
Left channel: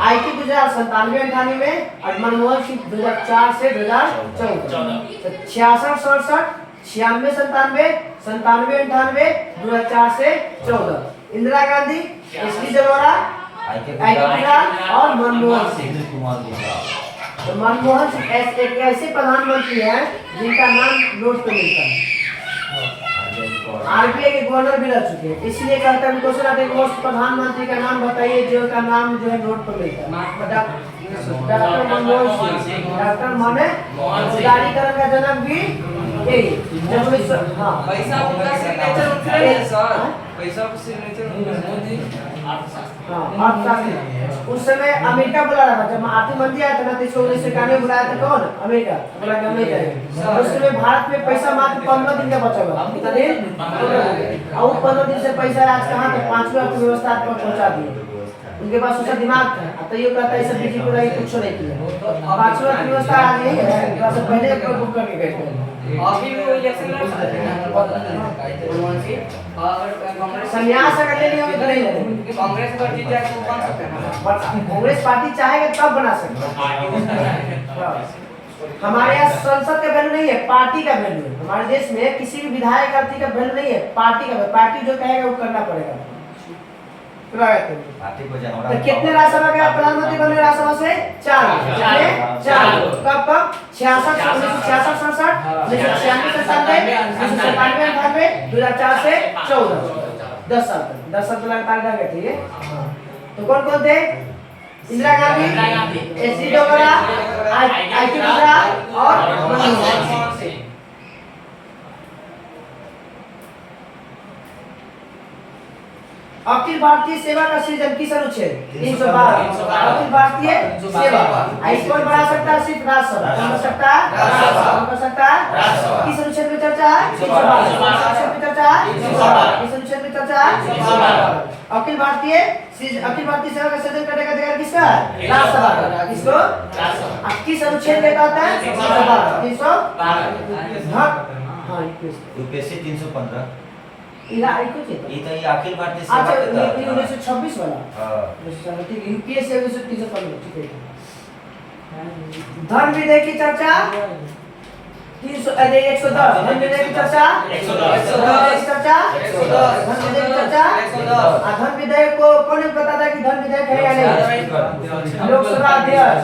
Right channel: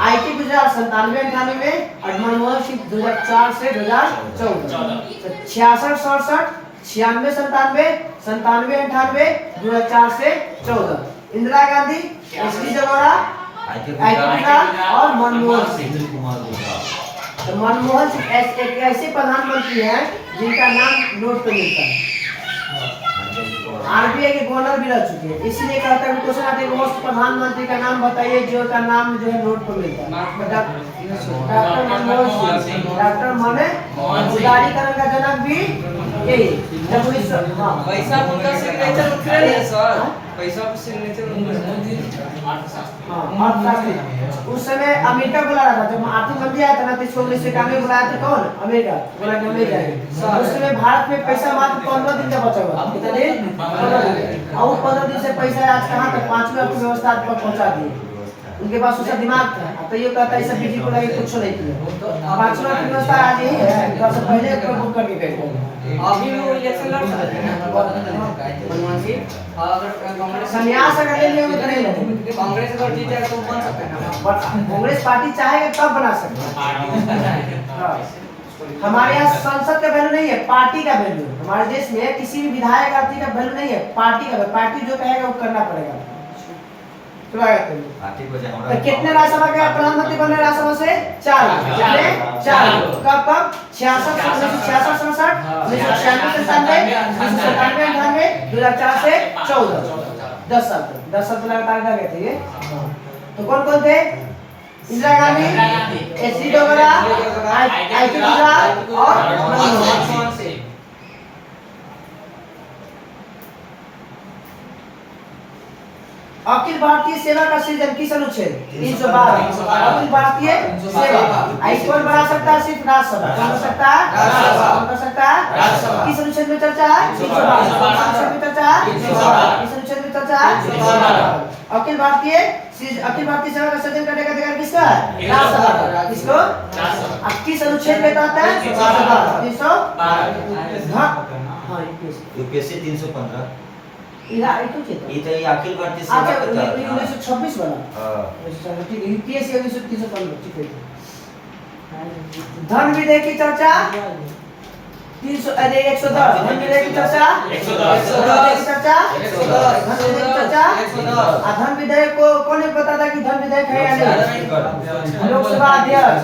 आई.के. गुजराल 97-98 में और मनमोहन सिंह 2004 से 2014। 66-67, 96-97, 97-98, 2004 से 14। इंदिरा गांधी, एच.डी. देवगौड़ा, आई.के. गुजराल और मनमोहन सिंह। तो मनमोहन सिंह एक ऐसे प्रधानमंत्री हैं जिनका नाम नोट पे मिलता है। आरबीआई के गवर्नर भी रह चुके हैं, इसलिए कहते हैं क्वेश्चन आते हैं उस प्रधानमंत्री का नाम बताइए जो का नाम जो है नोट पर मिलता है। डॉक्टर मनमोहन सिंह। डॉक्टर माने उदारीकरण का जनक भी यही। जब 1900 हाँ पैसा का सिग्नेचर उतरे है सर, पैसा का सिग्नेचर हाँ अर्थशास्त्री। उस समय अमेरिका बुला रहा था जब आर्थिक मंदी आया था ना, 1991 में बुलाया था। कौन? अमेरिका बोला कि अमेरिका। उस समय भारत में पैसा मात्र 15 दिन का बचा हुआ। कितना दिन? 15 दिन। और 15 दिन से पैसा आज कहाँ तक 5वीं अर्थव्यवस्था तक पहुँचा दिए। उनके पास उसका दिमाग था। अब तो ये कहता है सब बीजेपी को कुछ नहीं किया। 5वीं अर्थव्यवस्था आज यही है, तो सब पहले एक बुक करके गए थे। अभी वो इलेक्शन लड़ सकते हैं मनमोहन सिंह, अगर कांग्रेस संन्यास अगर ले लिया तो नहीं लड़ेंगे। कांग्रेस अगर जीत जाए तो बन सकते हैं ना। कांग्रेस पार्टी चाहेगा तब बना सकते हैं। हमारे यहाँ संसद का वैल्यू नहीं है, पार्टी का वैल्यू है। हमारे देश में किसी भी विधायक आदि का वैल्यू नहीं है, पार्टी का। पार्टी जो कहेगा वो करना पड़ेगा। तो कितने राज्यसभा के प्रधानमंत्री बने? राज्यसभा से 4। कब कब? 66, 1966, 1996, 1997, 98, 2004 से 14। 10 साल तक। 10 साल तक लगातार रह गए थे ये। तो कौन कौन थे? इंदिरा गांधी, एच.डी. देवगौड़ा, आई.के. गुजराल और मनमोहन सिंह। अखिल भारतीय सेवा का सृजन किस अनुच्छेद? 312। अखिल भारतीय सेवा कौन बढ़ा सकता है? सिर्फ राज्यसभा। कौन कर सकता है? कौन कर सकता है? किस अनुच्छेद में चर्चा है? 312 में चर्चा है। किस अनुच्छेद में चर्चा है? अखिल भारतीय सेवा का सृजन करने का अधिकार किसका है? राज्यसभा का। किसको? अब किस अनुच्छेद में कहता है? 312। हाँ यूपीएससी 315। अखिल भारतीय सेवा अच्छा, के तहत 1926 वाला। हां ठीक है, यूपीएससी 315। ठीक है। धन विधेयक की चर्चा 110। धन विधेयक की चर्चा 110। धन विधेयक की चर्चा 110। धन विधेयक को कौन पता था कि धन विधेयक है या नहीं? लोकसभा अध्यक्ष।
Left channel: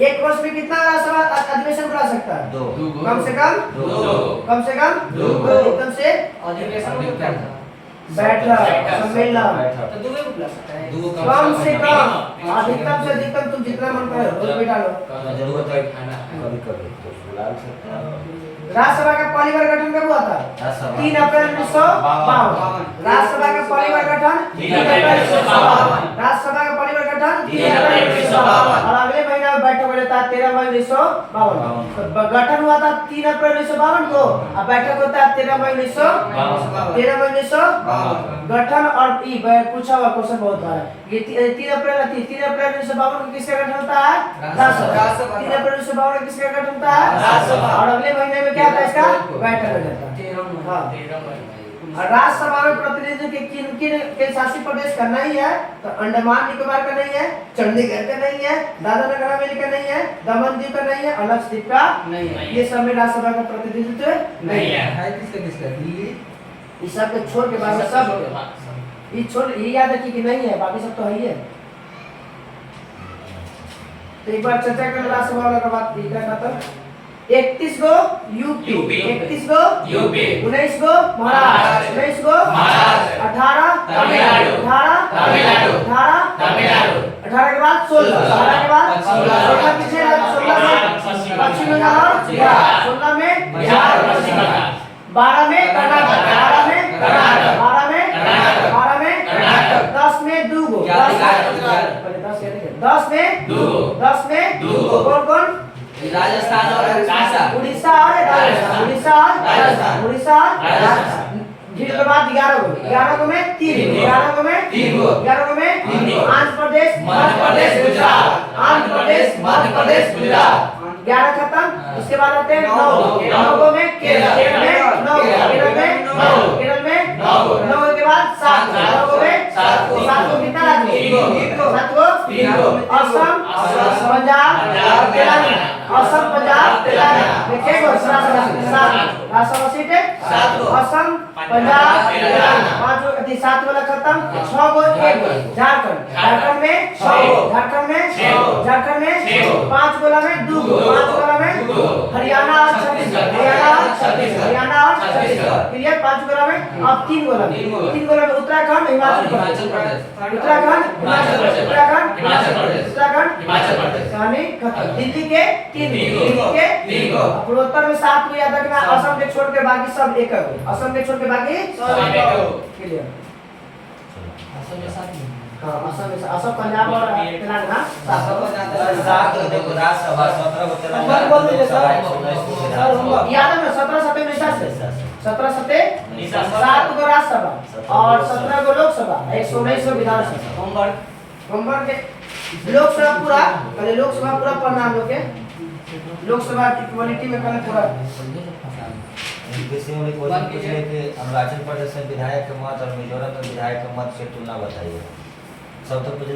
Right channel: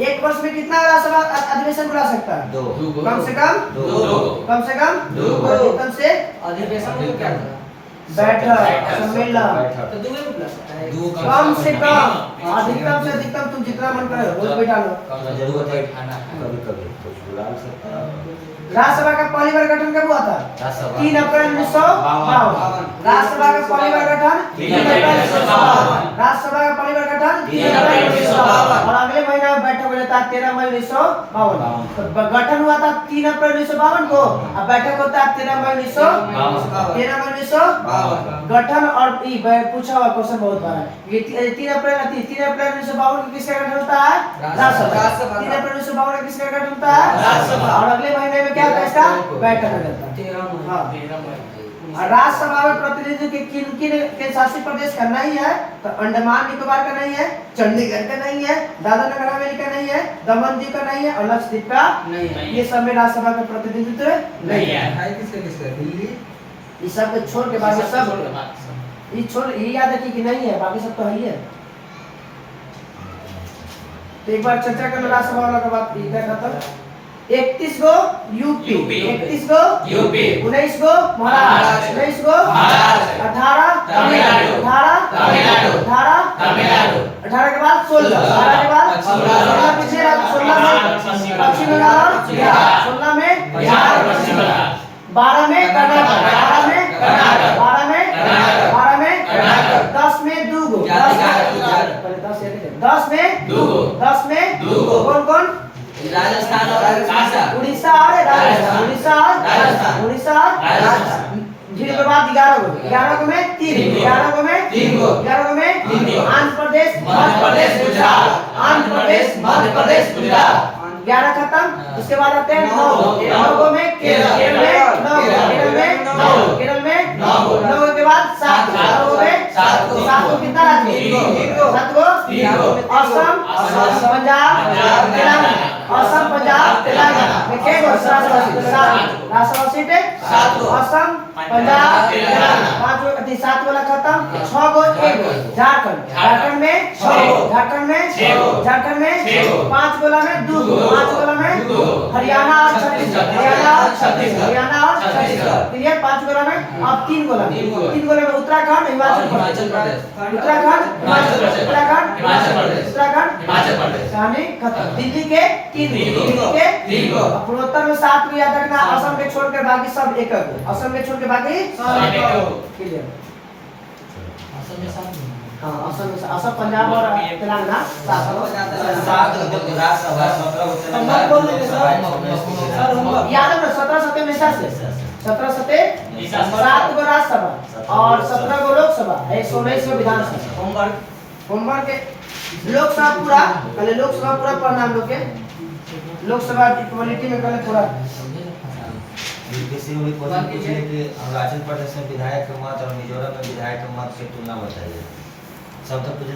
एक वर्ष में कितना राज्यसभा अधिवेशन बुला सकता है? 2। कम से कम 2। कम से कम 2। अधिकतम से अधिवेशन में क्या था? बैठक, सम्मेलन। तो 2 में बुला सकता है। कम से कम, अधिकतम से अधिकतम तुम जितना मन करे रोज बैठा लो। जरूरत है कभी कभी तो बुला सकते हैं। राज्यसभा का पहली बार गठन कब हुआ था? 3 अप्रैल 1952। राज्यसभा का पहली बार गठन 3 अप्रैल 1952। राज्यसभा का पहली बार गठन गठन 3 अप्रैल 1952। और अगले महीना में बैठक हो जाता है 13 मई 1952। तो गठन हुआ था 3 अप्रैल 1952 को, अब बैठक होता है 13 मई 1952। गठन और पूछा हुआ क्वेश्चन बहुत बार है। ये 3 अप्रैल 1952 को किसका गठन होता है? राज्यसभा। 3 अप्रैल 1952 को किसका गठन होता है? राज्यसभा। और अगले महीने में क्या होता है इसका? बैठक हो जाता है। हाँ। और राज्यसभा में प्रतिनिधित्व किन किन शासित प्रदेश का नहीं है? तो अंडमान निकोबार का नहीं है, चंडीगढ़ का नहीं है, दादरा नगर हवेली का नहीं है, दमन दीव का नहीं है और लक्षद्वीप का नहीं है। ये सब में राज्यसभा का प्रतिनिधित्व नहीं है। है किसका दिल्ली इस सब के छोड़ के बाकी सब ये छोड़ ये याद रखिए कि नहीं है, बाकी सब तो है ही है। तो एक बार चर्चा कर लो राज्यसभा वाला का बात इधर खत्म। 31 गो यूपी, 31 गो यूपी, 19 गो महाराष्ट्र, 19 गो महाराष्ट्र, 18 तमिलनाडु, 18 के बाद 16, 18 के बाद 16 किसने 16 में पश्चिम बंगाल, 16 में बिहार, पश्चिम बंगाल, 12 में कर्नाटक, 12 में कर्नाटक, 12 में कर्नाटक, 12 में कर्नाटक, 10 में दूगो, 10 में दूगो, 10 में दूगो, कौन कौन? राजस्थान और उड़ीसा और राजस्थान, उड़ीसा और राजस्थान, उड़ीसा और राजस्थान। जिनके के बाद 11 गो, 11 गो में 3, 11 गो में 3 गो, 11 गो में 3 गो, आंध्र प्रदेश, मध्य प्रदेश, गुजरात, आंध्र प्रदेश, मध्य प्रदेश, गुजरात। 11 खत्म। इसके बाद आते हैं 9 नौ। 9 गो में केरल, केरल में 9, केरल में 9, नौ। केरल में 9 गो। 9 के बाद 7 गो में 7 गो। 7 गो कितना राज्य? 3 गो। 7 गो। 3 गो। असम, असम, पंजाब, पंजाब, तेलंगाना, असम, पंजाब, तेलंगाना में क्या गो? 7 सीट है। 7 गो। असम, पंजाब, तेलंगाना। 5 गो 7 वाला खत्म। 6 गो 1 गो झारखंड, झारखंड में 6 गो, झारखंड में 6 गो, झारखंड में 6 गो, 5 गोला में 2 गो, 5 गोला में 2 गो, हरियाणा और छत्तीसगढ़, हरियाणा और छत्तीसगढ़, हरियाणा और छत्तीसगढ़। क्लियर? 5 गोला में अब 3 गोला में 3 गोला में उत्तराखंड, हिमाचल प्रदेश, उत्तराखंड, हिमाचल प्रदेश, उत्तराखंड, हिमाचल प्रदेश, उत्तराखंड, हिमाचल प्रदेश। कहानी खत्म। दिल्ली के 3 गो, दिल्ली के 3 गो, पूर्वोत्तर में 7 को याद रखना। असम के छोड़ के बाकी सब एक एक, असम के छोड़ के बाकी सब एक एक। क्लियर? असम में 7 हाँ, असम, पंजाब और तेलंगाना 7 सात गो देखो राज्यसभा 17 गो तेलंगाना, हम बोल देंगे सर। लोकसभा, 19 गो याद है ना 17 सत्ते में 17 सत्ते 7 गो राज्यसभा और 17 गो लोकसभा, 119 गो विधानसभा। होमवर्क के लोकसभा पूरा कल, लोकसभा पूरा पढ़ना हम लोग के। लोकसभा की क्वालिटी में कल पूरा किसी भी क्वेश्चन पूछे कि अरुणाचल प्रदेश में विधायक के मत और मिजोरम में विधायक के मत से तुलना बताइए। सब तो पूछ